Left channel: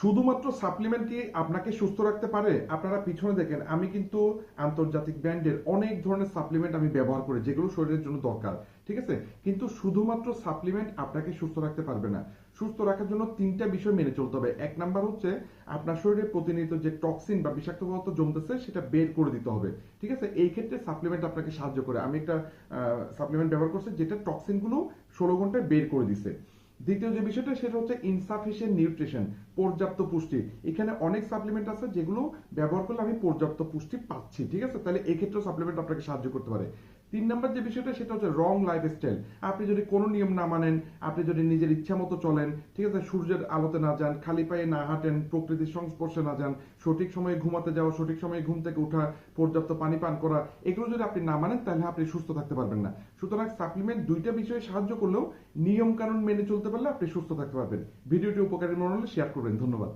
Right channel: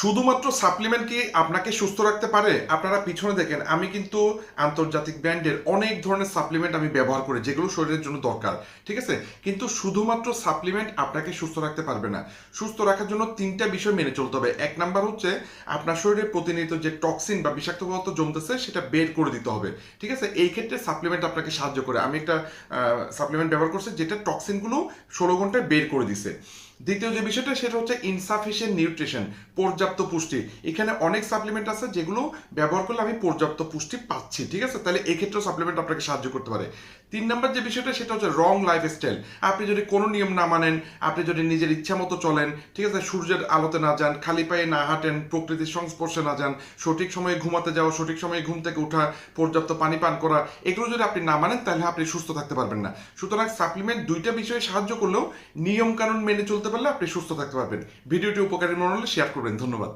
শুধুমাত্র সাপ্লিমেন্ট কি আপনাকে সুস্থ রাখতে পারে? আপনারা পিছনে দেখেন, আমি কিন্তু আন্তর্জাতিক ব্র্যান্ডের অনেক ধরনের সাপ্লিমেন্ট আমি ব্যবহার করি যেগুলো শরীরের জন্য দরকার, ঠিক আছে? কিন্তু শুধুমাত্র সাপ্লিমেন্ট আপনাকে সুস্থ রাখতে পারবে না। সুস্থ রাখার জন্য তিনটা বিষয় মেনে চলতে হবে। এক নাম্বার হচ্ছে আপনার শরীরে প্রতিনিয়ত যে টক্সিন বা বিষাক্ত পদার্থ জমতেছে সেটা বের করে দিতে হবে, ঠিক আছে? এই ক্ষেত্রে সাপ্লিমেন্ট আপনাকে সাহায্য করে। আমি একটা সাপ্লিমেন্ট ব্যবহার করছি যেটা টক্সিনগুলো 16 ঘন্টায় বের করে দিছে। দ্বিতীয় যে বিষয়টা সেটা হচ্ছে ইনসাফিসিয়েন্ট নিউট্রিশন, পর্যাপ্ত পুষ্টি। এখানে অনেক সাপ্লিমেন্ট আছে যেগুলো ব্যবহার করলে আমি পর্যাপ্ত পুষ্টি পাচ্ছি, ঠিক আছে? তাহলে এই ক্ষেত্রেও সাপ্লিমেন্ট আপনাকে সাহায্য করতে পারে। 3 নম্বর যে বিষয়টা সেটা হচ্ছে রং লাইফস্টাইল। আপনি যদি কোনো নিয়ম না মানেন, আপনি যদি নিজের ইচ্ছা মতো চলেন, ঠিক আছে, সূর্যের আলোতে না যান, খালি পায়ে না হাঁটেন, প্রকৃতির সংস্পর্শে না যান, সঠিক সময়ে ঘুমাতে যাওয়া, সঠিক সময়ে ঘুম থেকে ওঠা, পর্যাপ্ত পানি পান করা, এগুলো যদি আপনি না মানেন তাহলে আপনি সুস্থ থাকতে পারবেন না। সুতরাং সাপ্লিমেন্ট দুইটা বিষয়ে সাহায্য করলেও নিয়ম কানুন মেনে চলতে পারলে আপনি সুস্থ থাকতে পারবেন। ভিডিওটি উপকারী মনে হলে শেয়ার করবেন। ধন্যবাদ।